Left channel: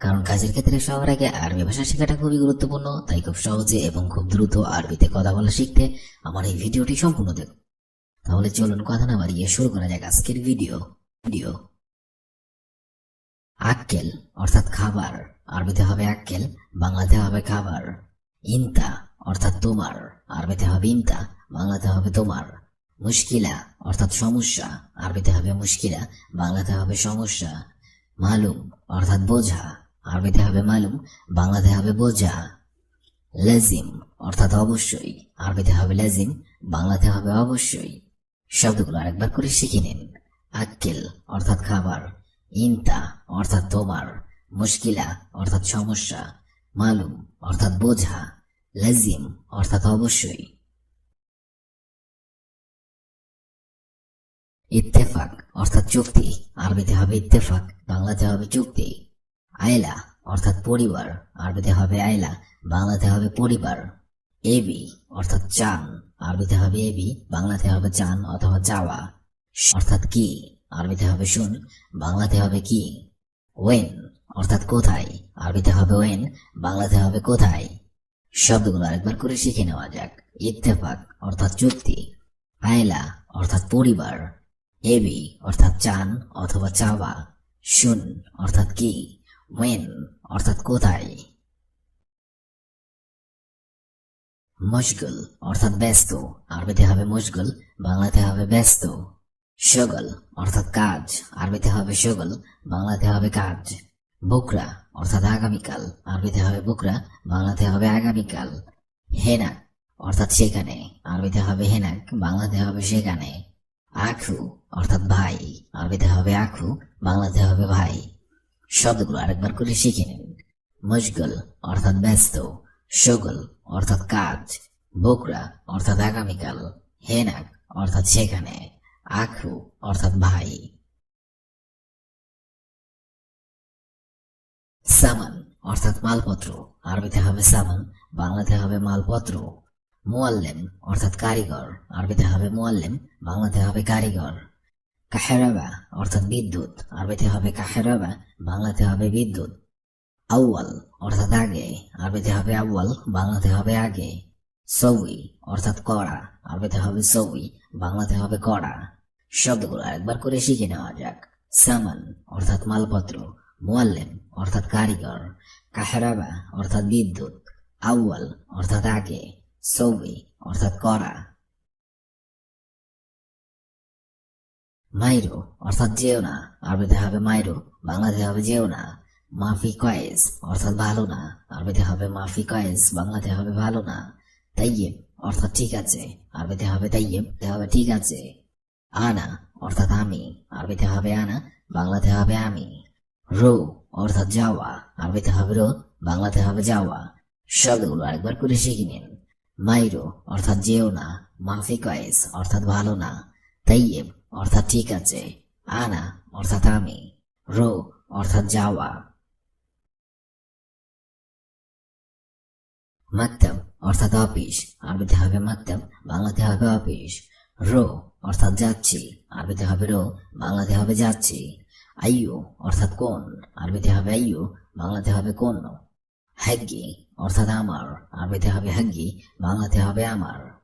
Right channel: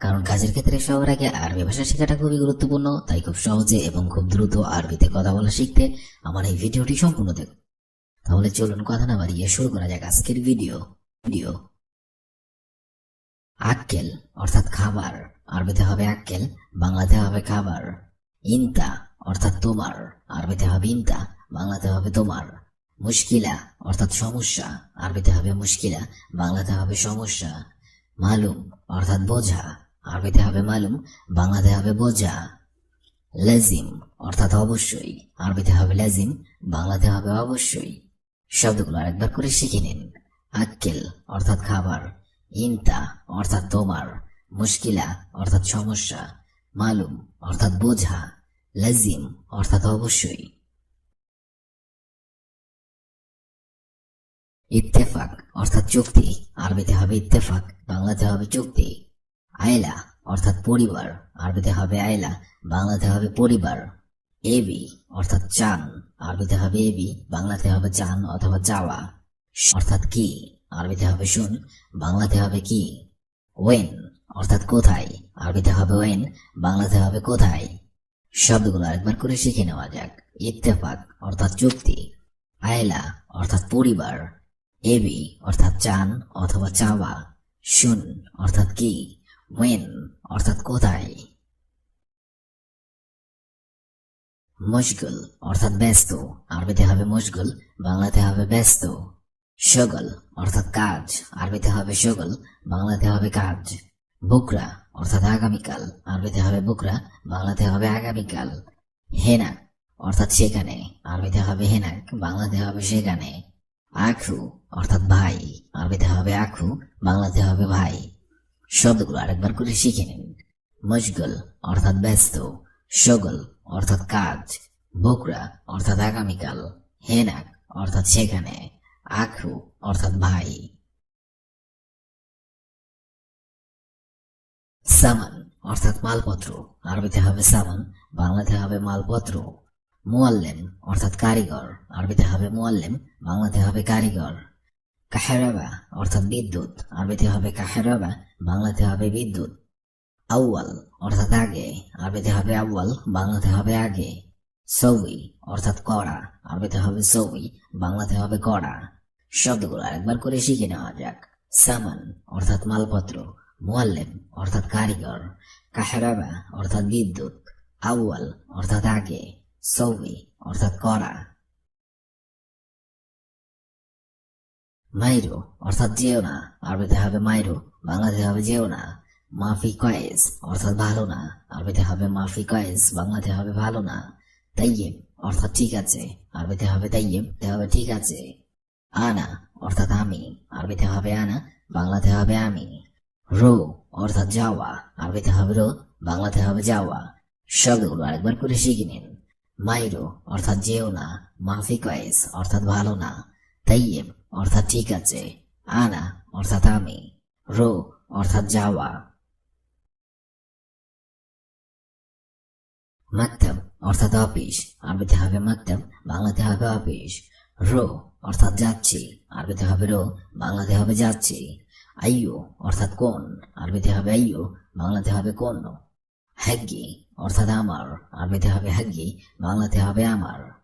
কারণ কাজের ক্ষেত্রে সবার আগে আরবি ভাষা শেখাটা খুবই গুরুত্বপূর্ণ, তাই খুব সহজে এবং খুব দ্রুত আরবিতে কথা বলা শিখতে আমার এই ভিডিওটি সম্পূর্ণ দেখুন। তাহলে চলুন কথা না বাড়িয়ে শুরু করা যাক আজকের ভিডিও। ভিডিও। আক্কেল, অর্থাৎ খাবার। আরবিতে হবে আক্কেল, বাংলাতে হবে খাবার। ইনতা, অর্থাৎ তোমার। আরবিতে হবে ইনতা, বাংলাতে হবে তোমার। মুশকিলা, অর্থাৎ সমস্যা। আরবিতে হবে মুশকিলা, বাংলাতে হবে সমস্যা। মালুম, অর্থাৎ বোঝা। আরবিতে হবে মালুম বাংলাতে হবে বোঝা। লাজিম অর্থাৎ অবশ্যই। আরবিতে হবে লাজিম বাংলাতে হবে অবশ্যই। শব্দগুলো আরেকবার করে শিখে নিন। আক্কেল অর্থাৎ খাবার, ইনতা অর্থাৎ তোমার, মুশকিলা অর্থাৎ সমস্যা, মালুম অর্থাৎ বোঝা, লাজিম অর্থাৎ অবশ্যই। ইত্তেফাক অর্থাৎ চুক্তি আরবিতে হবে ইত্তেফাক বাংলাতে হবে চুক্তি। আয়লা, অর্থাৎ পরিবার। আরবিতে হবে আয়লা, বাংলাতে হবে পরিবার। এবি, অর্থাৎ চান। আরবিতে হবে এবি, বাংলাতে হবে চান অথবা চাওয়া। অর্থাৎ কি? আরবিতে হবে শুন, বাংলাতে হবে কি? ওয়েন, অর্থাৎ কোথায়? আরবিতে হবে ওয়েন, বাংলাতে হবে কোথায়? শব্দগুলো আরেকবার করে শিখে নেওয়া যাক। ইত্তেফাক, অর্থাৎ চুক্তি। আয়লা, অর্থাৎ পরিবার। এবি, অর্থাৎ চান অথবা চাওয়া। শুন, অর্থাৎ কি? ওয়েন অর্থাৎ কোথায়? মশগুল অর্থাৎ ব্যস্ত। আরবিতে হবে মশগুল বাংলাতে হবে ব্যস্ত। সগল, অর্থাৎ কাজ। আরবিতে হবে সগল, বাংলাতে হবে কাজ। বুকরা, অর্থাৎ আগামীকাল। আরবিতে হবে বুকরা, বাংলাতে হবে আগামীকাল। হেনাক অর্থাৎ সেখানে। আরবিতে হবে হেনাক বাংলাতে হবে সেখানে। আখু, অর্থাৎ ভাই। আরবিতে হবে আখু, বাংলাতে হবে ভাই। শব্দগুলো আরেকবার করে শিখে নিন। মশগুল অর্থাৎ ব্যস্ত, সগল অর্থাৎ কাজ বকরা অর্থাৎ আগামীকাল, হেনাক অর্থাৎ সেখানে, আখু অর্থাৎ ভাই। সামান অর্থাৎ মালপত্র, আরবিতে হবে সামান, বাংলাতে হবে মালপত্র। মুয়াল্লেম অর্থাৎ কারিগর, আরবিতে হবে মুয়াল্লেম, বাংলাতে হবে কারিগর। কাহেরাবা অর্থাৎ বিদ্যুৎ, আরবিতে হবে কাহেরাবা বাংলাতে হবে বিদ্যুৎ। আউয়াল অর্থাৎ আগে। আরবিতে হবে আউয়াল, বাংলাতে হবে আগে। সৌই অর্থাৎ কড়া, আরবিতে হবে সৌই, বাংলাতে হবে কড়া। শব্দগুলো একবার করে শিখে নেওয়া যাক। সামান অর্থাৎ মালপত্র, মোয়াল্লেম অর্থাৎ কারিগর, কাহেরাবা অর্থাৎ বিদ্যুৎ, আউয়াল অর্থাৎ আগে, সৌই অর্থাৎ কড়া। মাইরো, অর্থাৎ যেও না। আরবিতে হবে মাইরো, বাংলাতে হবে যেও না। মাফি কয়েস অর্থাৎ ভালো না। আরবিতে হবে মাফি কয়েস বাংলাতে হবে ভালো না। তাইয়েব অর্থাৎ ঠিক আছে। আরবিতে হবে তাইয়েব হবে ঠিক আছে। আনা, অর্থাৎ আমি। আরবিতে হবে আনা, বাংলাতে হবে আমি। রো, অর্থাৎ যাওয়া। আরবিতে হবে রো, বাংলাতে হবে যাওয়া। শব্দগুলো আরেকবার করে শিখে নিন। মাইরো, অর্থাৎ যেও না। মাফি কয়েস অর্থাৎ ভালো না। তাইয়েব অর্থাৎ ঠিক আছে। আনা, অর্থাৎ আমি। রো, অর্থাৎ যাওয়া। মাকতাব, অর্থাৎ অফিস। আরবিতে হবে মাকতাব, বাংলাতে হবে অফিস। রো, অর্থাৎ যাচ্ছি। আরবিতে হবে রো, বাংলাতে হবে যাচ্ছি। আইয়ো, অর্থাৎ কোন? আরবিতে হবে আইয়ো, বাংলাতে হবে কোন? হ্যাগি অর্থাৎ আমার। আরবিতে হবে হ্যাগি বাংলাতে হবে আমার।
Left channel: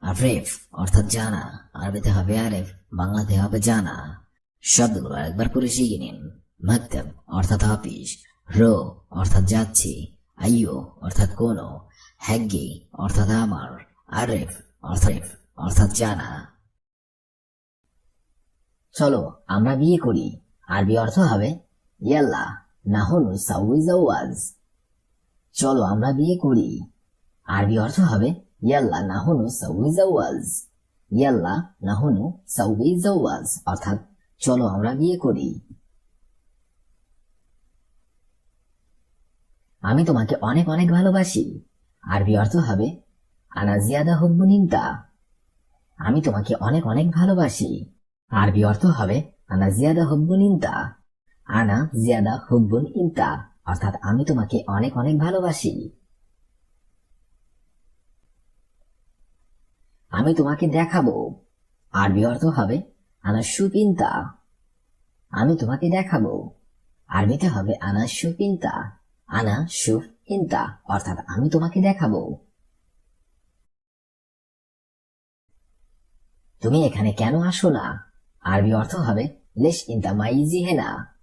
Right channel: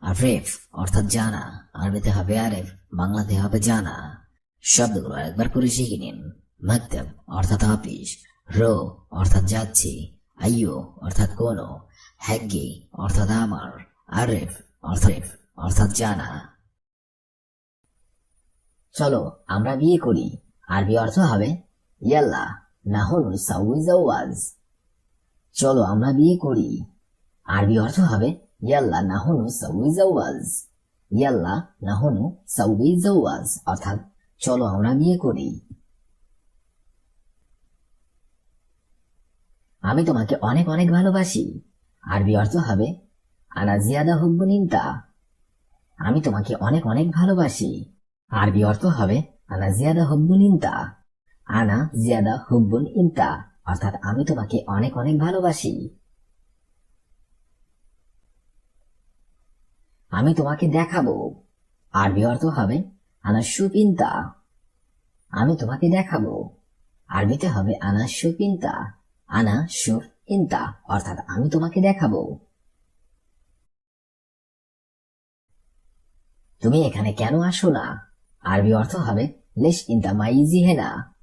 আরেফ অর্থাৎ জানা। আরবিতে হবে আরেফ, বাংলাতে হবে জানা। শব্দগুলো একবার করে শিখে নিন। মাকতাব, অর্থাৎ অফিস। রো, অর্থাৎ যাচ্ছি। আইয়ো, অর্থাৎ কোন। হ্যাগি অর্থাৎ আমার। আরেফ অর্থাৎ অর্থাৎ জানা। চলো, আমরা বিয়ে করি। আরবি অর্থ হবে, ইয়াল্লা, নাহনু সাউই জাওয়াজ চলো, আমরা বিয়ে করি। আরবি অর্থ হবে ইয়াল্লা নাহনু সাউই জাওয়াজ ইয়াল্লা নাহনু সাউই জাওয়াজ অর্থাৎ চলো আমরা বিয়ে করি আমি তোমাকে অনেক অনেক ভালোবাসি আরবি অর্থ হবে আনা জিয়াদা হুব্বুন ইনতা আমি তোমাকে অনেক অনেক ভালোবাসি আরবি অর্থ হবে আনা জিয়াদা হুব্বুন আনা জিয়াদা হুব্বুন ইনতা অর্থাৎ আমি তোমাকে অনেক অনেক ভালোবাসি আমি তোমাকে দেখাবো। আরবি অর্থ হবে আনা সুপিন্তা। আমি তোমাকে দেখাবো। আরবিতে হবে আনা সুফ ইনতা আনা সুফ ইনতা অর্থাৎ আমি তোমাকে দেখাবো। তুমি এখানে কেন আসো না? আরবি অর্থ হবে লেশ ইনতা মাইজি হেনা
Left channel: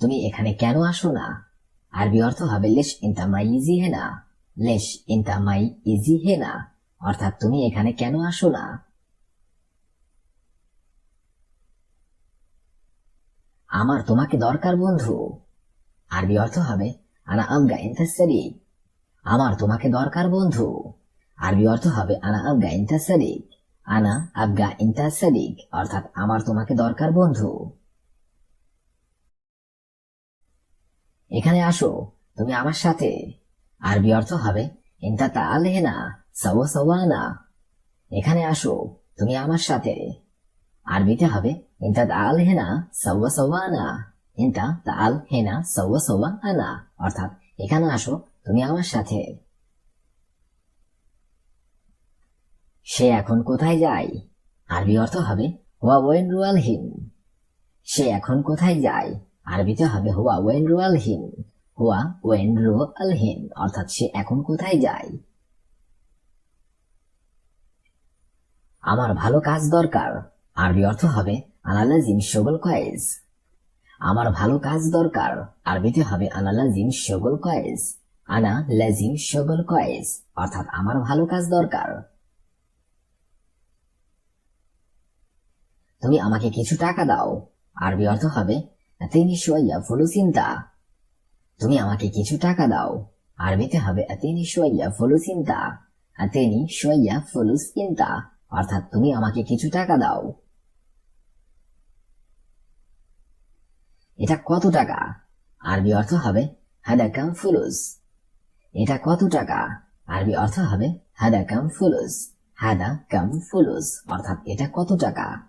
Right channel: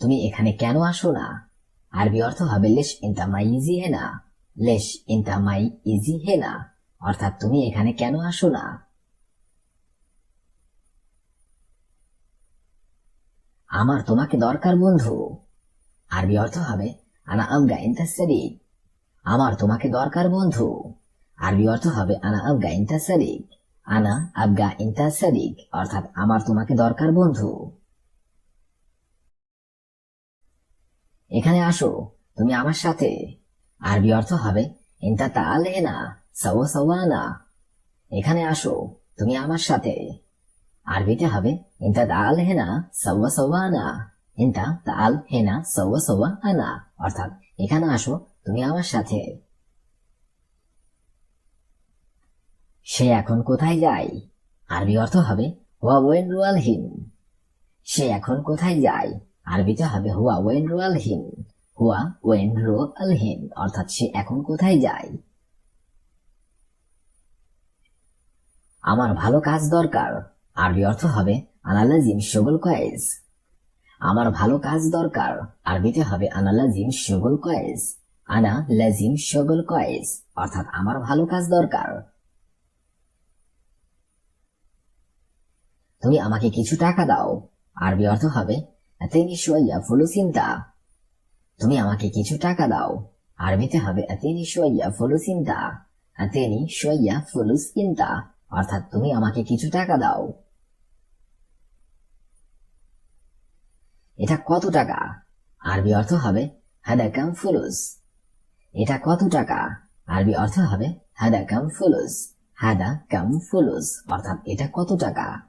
তুমি এখানে কেন আসো না? আরবি অর্থ হবে লেশ ইনতা মাইজি হেনা লেশ ইনতা মাই ইজি হেনা অর্থাৎ তুমি এখানে কেন আসো না আমার তোমাকে দরকার, বন্ধু। আরবি অর্থ হবে, আনা আবগা ইন্তাসারি আমার তোমাকে দরকার, বন্ধু। আরবি অর্থ হবে, আনা আবগা ইন্তাসারিক আনা আবগা ইন্তাসারিক অর্থাৎ আমার তোমাকে দরকার, বন্ধু। এখানে আসো, তুমি আমার সাথে। আরবি অর্থ হবে ইন্তা তাল হেনা সাওয়া সাওয়ানা এখানে আসো, তুমি আমার সাথে। আরবিতে হবে, ইন্তা তাল হেনা সাওয়া সাওয়ানা ইন্তা তাল হেনা সাওয়া সাওয়া আনা অর্থাৎ, এখানে আসো, তুমি আমার সাথে। সে এখন কোথায় যায়? আরবি অর্থ হবে, হুয়া ওয়েন রুয়াল হিন। সে এখন কোথায় যায়? আরবিতে হবে, হুয়া ওয়েন রুয়াল হিন। হুয়া ওয়েন রু আল হিন। অর্থাৎ, সে এখন কোথায় যায়? আমার ভালো কাজ দরকার। আরবি অর্থ হবে আনালাজিম শগুল কয়েস আমার ভালো কাজ দরকার। আরবিতে হবে আনালাজিম শগুল কয়েস আনা লাজিম শগুল কয়েস অর্থাৎ আমার ভালো কাজ দরকার। তুমি আমাকে কিছু টাকা দাও। আরবি অর্থ হবে তিনি সোয়া ফুলুসিনতা তুমি আমাকে কিছু টাকা দাও। আরবিতে হবে তিনি সোয়া ফুলুসিনতা তিনি সোয়া ফুলুস ইনতা অর্থাৎ তুমি আমাকে কিছু টাকা দাও। এটা কত টাকা? আরবি অর্থ হবে হাদা কাম ফুলুস। এটা কত টাকা? আরবি অর্থ হবে হাদা কাম ফুলুস। হাদা কাম ফুলুস। অর্থাৎ এটা কত টাকা?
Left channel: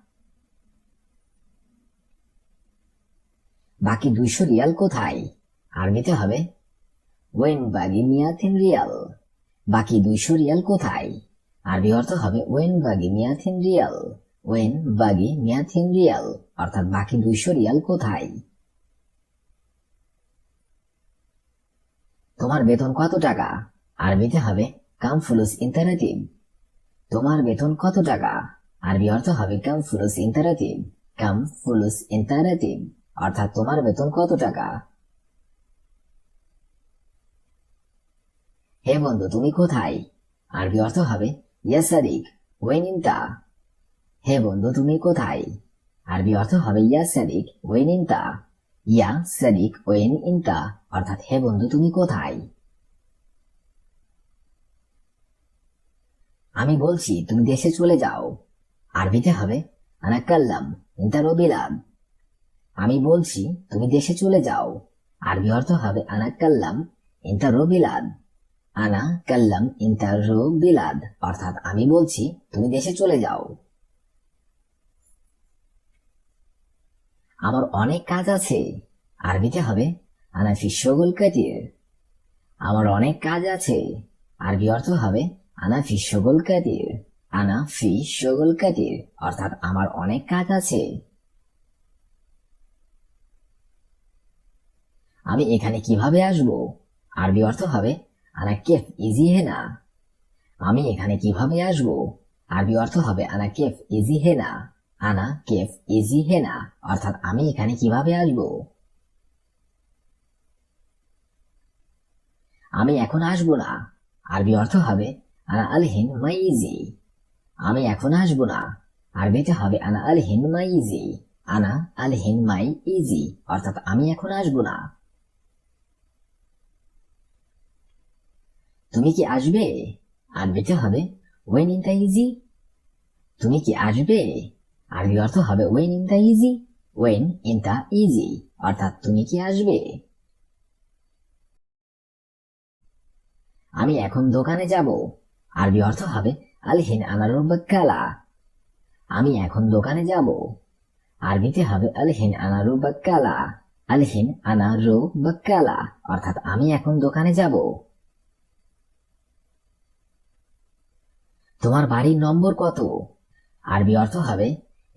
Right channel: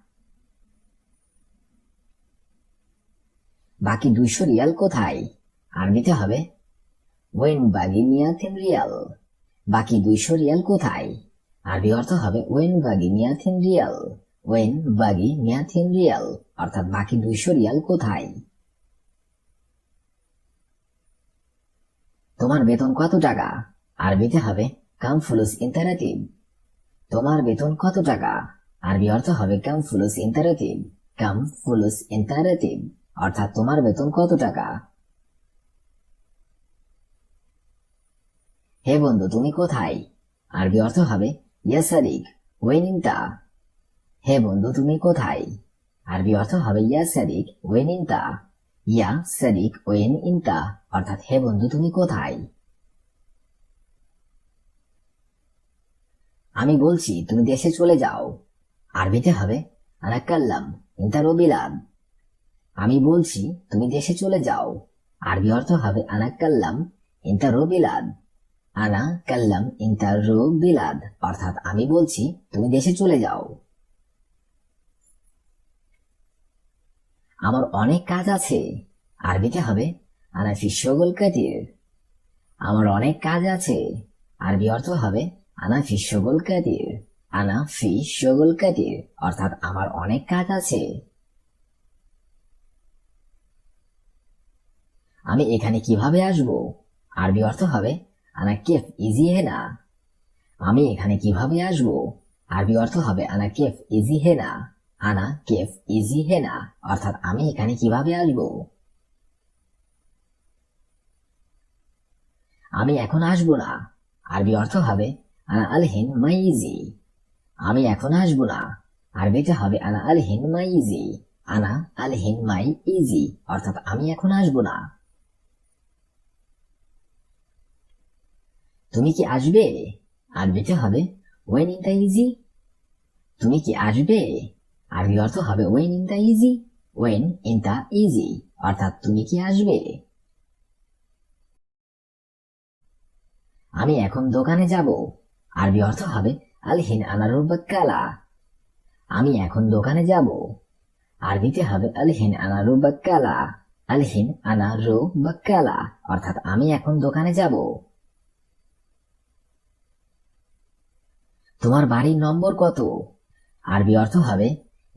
বাকি দুইশো রিয়াল কোথায়? আরবিতে হবে, ওয়েন বাগিনিয়া মিয়াথিন রিয়াল। বাকি দুইশো রিয়াল কোথায়? আরবি অর্থ হবে ওয়েন বাগি মিয়াথিন রিয়াল। ওয়েন বাগি মিয়াথিন রিয়াল, অর্থাৎ বাকি দুইশো রিয়াল কোথায়? তোমার বেতন কত টাকা? আরবিতে হবে কাম ফুলুস ইন্টারাটিভ। তোমার বেতন কত টাকা? আরবি অর্থ হবে কাম ফুলুস ইন্টারেটিভ। কাম ফুলুস ইন্টারেটিভ, অর্থাৎ তোমার বেতন কত টাকা? হে বন্ধু, তুমি কোথায়? আরবি অর্থ হবে ইয়াসারিক ওয়েন ইনতা হে বন্ধু, তুমি কোথায়? আরবি অর্থ হবে ইয়াসারিক ওয়েন ইনতা ইয়া সারিক ওয়েন ইনতা অর্থাৎ, হে বন্ধু, তুমি কোথায়? আমি বলছি, তুমি দেশে চলে যাও। আরবিতে হবে আনাকাল্লাম ইন্তা রবিলাদ আমি বলছি, তুমি দেশে চলে যাও। আরবি অর্থ হবে আনা কাল্লাম ইন্তা রো বিলাদ আনা কাল্লাম ইন্তা রো বিলাদ। অর্থাৎ আমি বলছি, তুমি দেশে চলে যাও। আমার অনেক কাজ আছে। আরবিতে হবে, আনা ফিশ্বগুল কাতির। আমার অনেক কাজ আছে। আরবি অর্থ হবে, আনা ফিশ্বগুল কাতির। আনা ফিশ্বগুল কাতির, অর্থাৎ আমার অনেক কাজ আছে। আমি এখানে কীভাবে আসব? আরবি অর্থ হবে আনা কেফ ইজি হেনা আমি এখানে কীভাবে আসব? আরবি অর্থ হবে আনা কেফ ইজি হেনা আনা কেফ ইজি হেনা অর্থাৎ আমি এখানে কীভাবে আসব? আমি এখন আসব না। আরবি অর্থ হবে আনা আলহিন মাই ইজি আমি এখন আসব না। আরবিতে হবে আনা আলহিন মাই ইজি আনা আলহিন মাই ইজি অর্থাৎ আমি এখন আসব না। তুমি কি আসবে? আরবিতে হবে? ওয়েন ইন দ্য ইজি তুমি কি আসবে? আরবি অর্থ হবে? When in the easy when in the easy অর্থাৎ তুমি কি আসবে? আমি এখন দোকানে যাব। আরবি অর্থ হবে? আলহিন আনারুল বাক্কালা আমি এখন দোকানে যাব। আরবিতে হবে আলহিন আনারু বাক্কালা আলহিন আনারু বাক্কালা অর্থাৎ আমি এখন দোকানে যাব। তোমার বাড়ির নম্বর কত? আরবি অর্থ হবে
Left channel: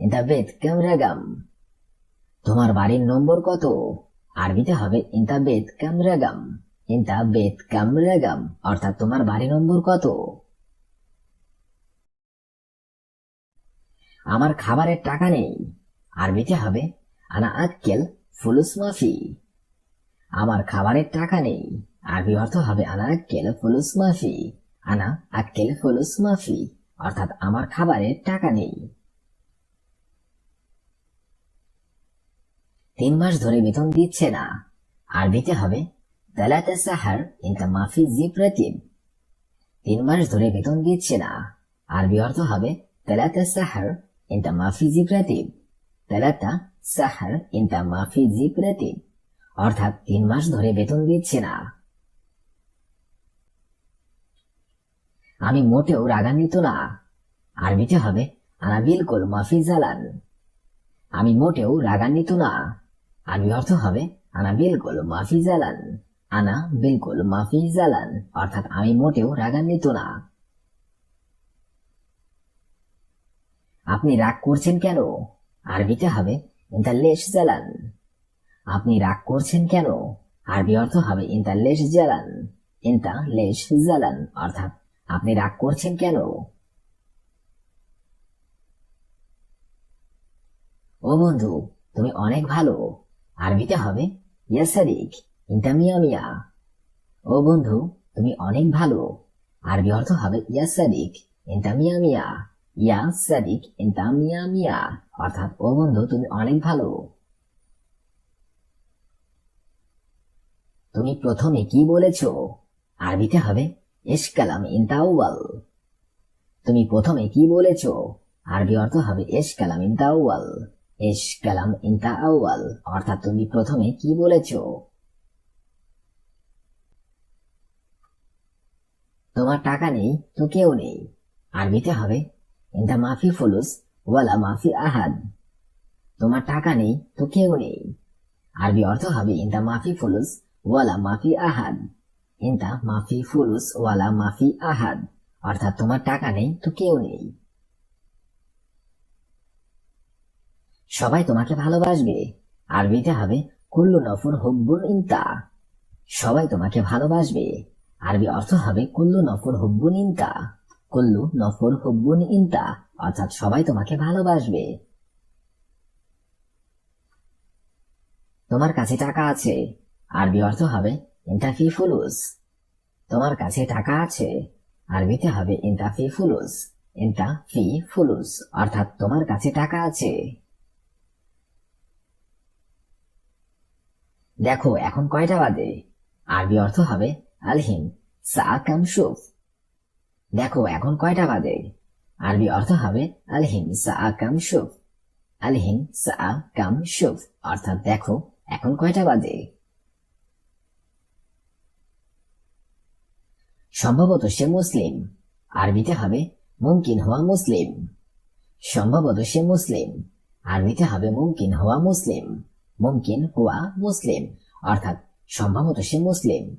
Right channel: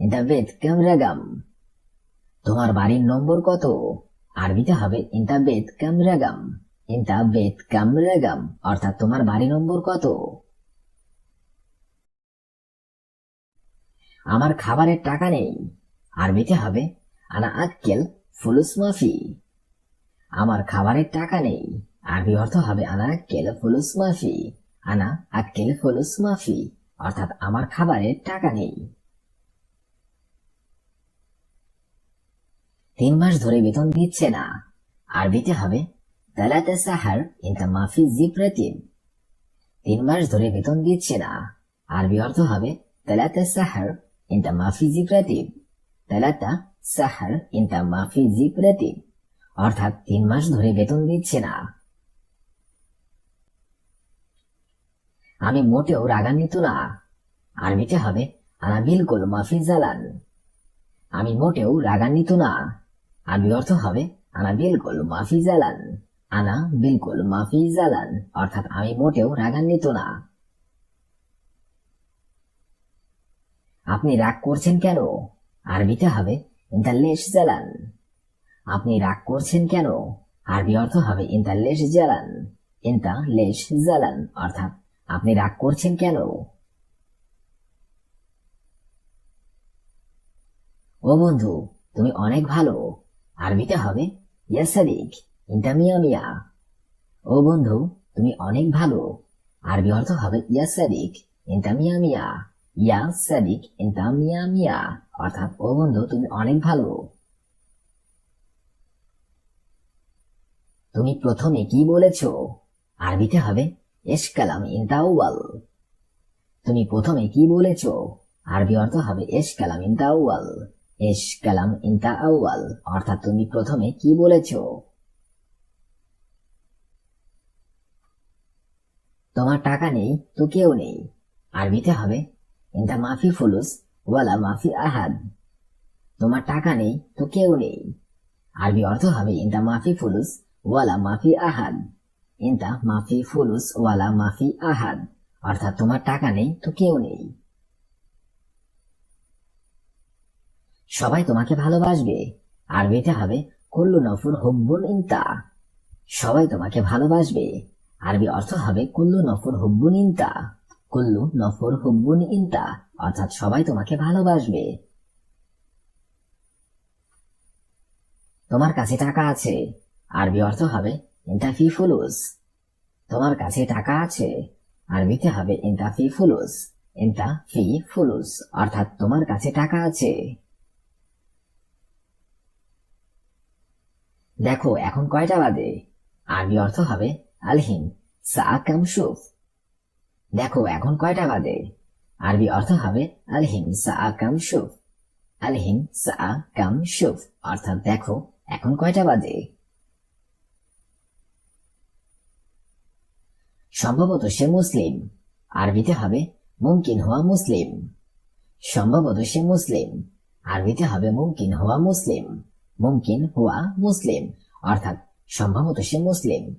দ্য বেদ কেমরাগাম তোমার বাড়ির নম্বর কত? আরবিতে হবে ইন্তা বেত কামরাগাম ইন্তা বেত কামরাগাম অর্থাৎ তোমার বাড়ি নম্বর কত? আমার খাবারের টাকা নেই। আরবিতে হবে, আনা আক্কেল ফুলুস মাফি। আমার খাবারের টাকা নেই। আরবি অর্থ হবে, আনা আক্কেল ফুলুস মাফি। আনা আক্কেল ফুলুস মাফি অর্থাৎ আমার খাবারের টাকা নেই। তিন মাস ধরে বেতন দিচ্ছে না। আরবিতে হবে তালাতে সাহার মাফি তিন মাস ধরে বেতন দিচ্ছে না। আরবি অর্থ হবে তালাতে সাহার ইন্তা মাফি জিপ্রাতিম তালাতা সাহার ইন্তা মাফি অর্থাৎ তিন মাস ধরে বেতন দিচ্ছে না। আমি মোটেও রাগান্বিত না। আরবিতে হবে আনা বিলকুল মাফি জালান আমি মোটেও রাগান্বিত না। আরবি অর্থ হবে আনা বিলকুল মাফিজালান আনা বিলকুল মাফি জালান অর্থাৎ আমি মোটেও রাগান্বিত না। আপনি রাগ করছেন কেন? আরবিতে হবে ইন্তা লেশ জালান আপনি রাগ করছেন কেন? আরবি অর্থ হবে ইন্তা লেশ জালান ইন্তা লেশ জালান অর্থাৎ আপনি রাগ করছেন কেন? ও বন্ধু, তুমি অনেক ভালো। আরবিতে হবে? ও বন্ধু, তুমি অনেক ভালো। আরবি অর্থ হবে সাদিক অর্থাৎ, ও বন্ধু, তুমি অনেক ভালো। তুমি প্রথমে কি বলেছ? আরবিতে হবে তুমি প্রথমে কি বলেছ? আরবি অর্থ হবে এস কালাম ইন্তা আউয়াল এস কালাম ইন্তা আউয়াল অর্থাৎ তুমি প্রথমে কি বলেছ? তোমার টাকা নেই তো কেউ নেই। আরবিতে হবে, ইন্তা মাফি ফুলুস ওয়ালা মাফি আহাদ। তোমার টাকা নেই তো কেউ নেই। আরবি অর্থ হবে, ইন্তা মাফি ফুলুস ওয়ালা মাফি আহাদ। ইন্তা মাফি ফুলুস ওয়ালা মাফি আহাদ। অর্থাৎ তোমার টাকা নেই, তো কেউ নেই। সবাই তোমাকে ভালোবাসবে। আরবিতে হবে, কুল্লু নফর হুব্বুন ইন্তা। সবাই তোমাকে ভালোবাসবে। আরবি অর্থ হবে, কুল্লু নফর হুব্বুন ইন্তা। কুল্লু নফর হুব্বুন ইন্তা, অর্থাৎ সবাই তোমাকে ভালোবাসবে। তোমার কাছে টাকা আছে। আরবি অর্থ হবে ইন্তা ফি ফুলুস তোমার কাছে টাকা আছে, আরবিতে হবে ইন্তা ফি ফুলুস ইন্তা ফি ফুলুস অর্থাৎ তোমার কাছে টাকা আছে। দেখো, এখন কয়টা বাজে? আরবি অর্থ হবে আলহিন সা দেখো, এখন কয়টা বাজে? আরবি অর্থ হবে আলহিম সা আলহিম সা অর্থাৎ দেখো, এখন কয়টা বাজে? সম্ভবত সে মুসলিম। আরবিতে হবে মুমকিন হওয়া মুসলিম। সম্ভবত সে মুসলিম। আরবিতে হবে মুমকিন হওয়া মুসলিম। মুমকিন হওয়া মুসলিম। অর্থাৎ সম্ভবত সে মুসলিম।